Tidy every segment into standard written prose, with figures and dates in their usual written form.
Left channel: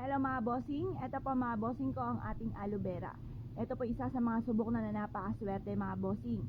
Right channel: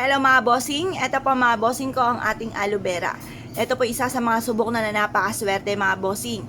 Hello mga bossing, eto po mga bossing ko ang ating aloe vera. Ito po isa sa mga subok na napakaswerte mga bossing.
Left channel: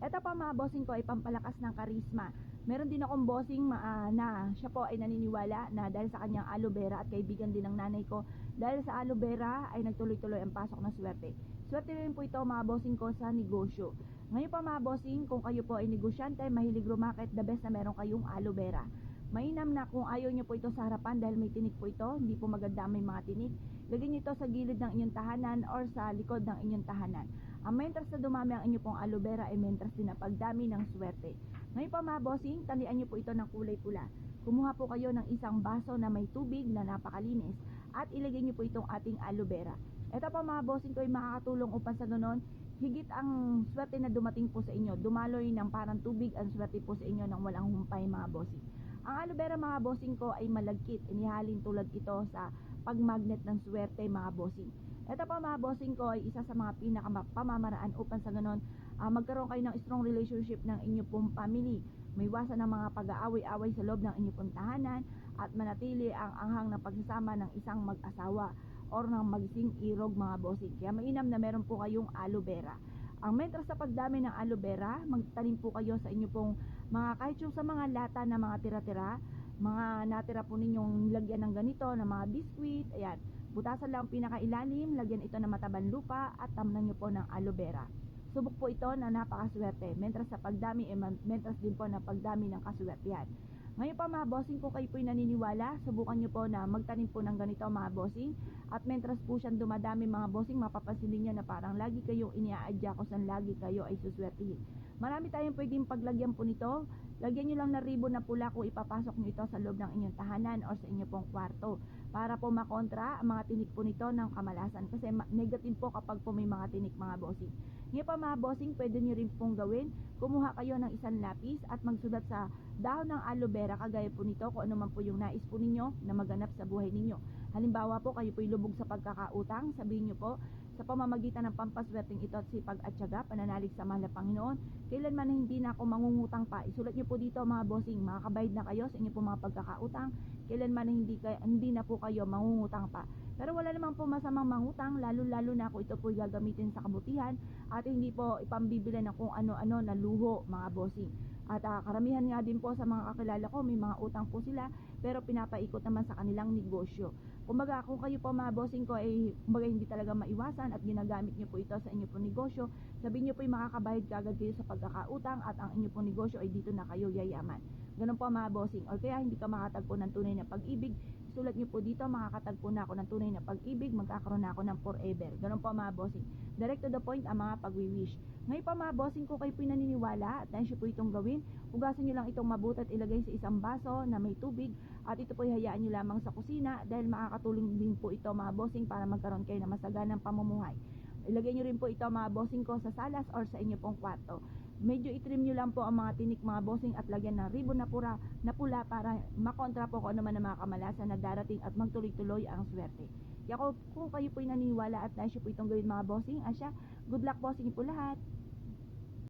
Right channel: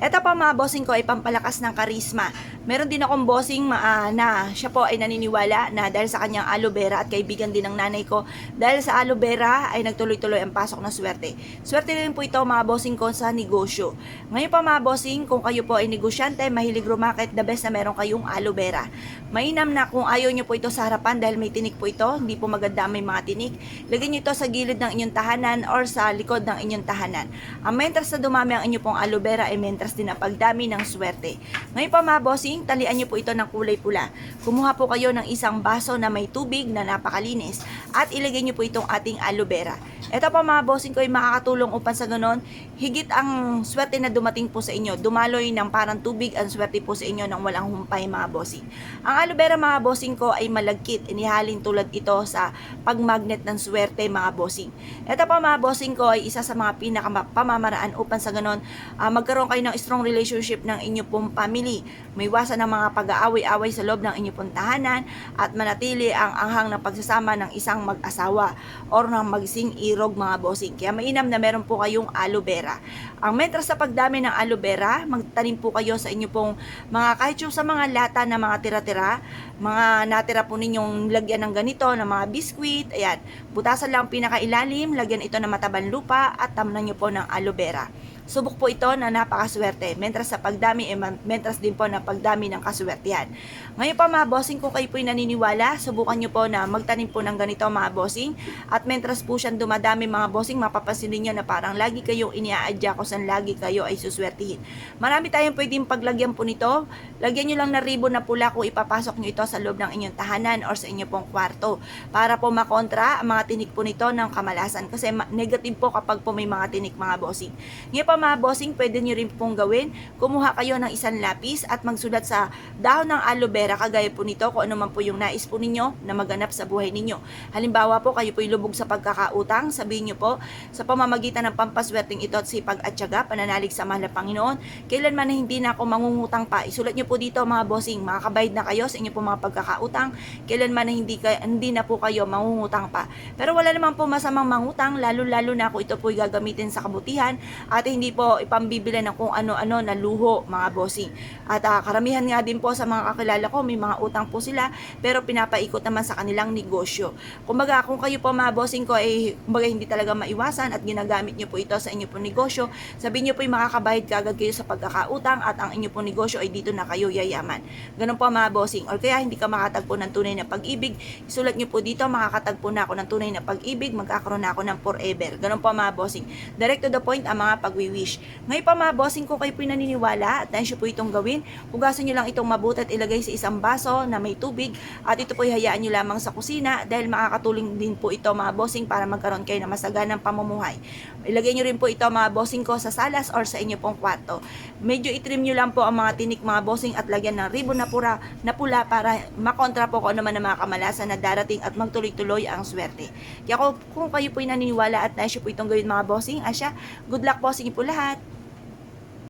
Ito po mga bossing ko ay pampalakas ng karisma. Meron din akong bossing na siya po ay naniniwala na dahil sa kanyang aloe vera at kaibigan din ng nanay ko, dahil sa aloe vera ay nagtuloy-tuloy ang pasok ng swerte. Swerte din po ito mga bossing ko sa negosyo. Ngayon pa mga bossing, kung kayo po ay negosyante, mahilig rumakit, the best na meron kayong aloe vera. Mainam na kung ayaw nyo po ito sa harapan dahil may tinik po ito, hindi po maganda may mga tinik. Lagyan nyo ito sa gilid ng inyong tahanan or sa likod ng inyong tahanan. Ang mentras na dumami ang inyo pong aloe vera ay mentras din na pagdami ng swerte. Ngayon pa mga bossing, talian nyo po ito ng kulay pula. Kumuha po kayo ng isang baso na may tubig na napakalinis at ilagay nyo po itong ating aloe vera. Ito pa mga bossing ko ay makakatulong upang sa ganon, higit ang swerte na dumating po sa inyo. Dumaloy ng parang tubig ang swerte po sa inyo nang walang humpay mga bossing. Ang aloe vera mga bossing ko ay malagkit. Inihalin tulad ito sa pagmagnet ng swerte mga bossing. Ito pa mga bossing ko ay isa sa mga pinakapamamaraan upang sa ganon magkaroon kayo ng strong relationship ng inyo pong family. May iwasan ng mga pag-aaway-away sa loob ng inyo pong tahanan at manatili ang anghang ng pagsasama ng isang mag-asawa or ng magsing irog mga bossing. Kaya mainam na meron po kayong aloe vera. Ang mentras sa pagdami ng aloe vera, magtanim po kayo sa inyo pong mga kahit yung sa mga lata na mga tira-tira, mga natira po ninyong lagyan ng ganito, ng mga biskwit, ayan, butasan lang pinakailalim, lagyan ito ng matabang lupa at tamnan nyo po ng aloe vera. Subok po ito na napakaswerte. Mentras sa pagdami, mentras din po na pagdami ng kaswertihan. Ngayon pa mga bossing, kung kayo po'y naniniwala, subukan nyo po na magtanim po ng ganito mga bossing. At mentras po siyang dumadami mga bossing, mapapansin niyo na parang lagi kayong iniaadya kung saan lagi kayo ay suswertihin. Marami tayong pwedeng paglagyan po nito. Lagyan nyo lang na ribbon na pula kung ipapasok nyo ito sa loob ng inyong tahanan or sa inyong pong kwarto. Para po makontra ang mga tinik po nito ng kamalasan. Kasi negative po kapag po may mga tinik mga bossing. Ngayon pa mga bossing, pwede nyo rin pong gawin, kumuha kayo ng isang lapis at magsulat sa dahon ng aloe vera kagaya po nito kung ano man po yung nais po ninyo na maganap sa buhay ninyo. Halimbawa po, kayo po'y lubog sa pagkakautang, sabihin nyo po, sa pamamagitan ng pampaswerteng ito at sipag at tiyaga, pananalig sa mahal na Panginoon, kailanman na hindi na ako mangungutang pa. Isulat nyo po dito mga bossing, makakabayad na kayo sa inyo po mga pagkakautang, kailanman na hindi na po kayo mangungutang pa. Pero wala naman po masamang mangutang, lalo-lalo na kung ito po'y gagamitin sa kabutihan at hindi po ipambibili ng kung ano-ano na luho mga bossing. At karamihan nga din po sa mga kakilala ko, may mga utang po sila pero pinapaikot naman sa kanilang negosyo. Kumbaga kung kayo po mga bossing ko ay kumbaga hindi talaga maiwasan at ginagamit nyo po ito sa inyo po negosyo, sabihin nyo po yung makakabayad kagad kayo sa pagkakautang at ang inyo po negosyo ay dito na kayo yayaman. Ganun po mga bossing. Or kaya hindi ka makatagpo ng tunay na pag-ibig, isulat nyo po dito, makakatagpo na ako ng tunay na pag-ibig, magkakaroon na ako ng forever. Ganun po mga bossing. Direct to the point ang mga pag-wish. Ngayon pa mga bossing ko kayo po naniniwala at nais po itong gawin, hugasan nyo lang itong mabuti at ilagay sa isang baso na may tubig at ito po hayaan nyo lamang sa kusina dahil makakatulong din po ito mga bossing para magkaroon kayo ng masaganang pamumuhay. Ilagay nyo rin po ito mga bossing ko sa salas or sa inyo pong kwarto. Medyo itrim nyo lang po ang mga tinik mga bossing at lagyan ng ribbon na pula para makontra po kung ano man ang mga kamalasan na darating at magtuloy-tuloy ang swerte. Kaya kung kayo po naniniwala at nais po itong gawin mga bossing, asya, good luck po sa inyo po lahat.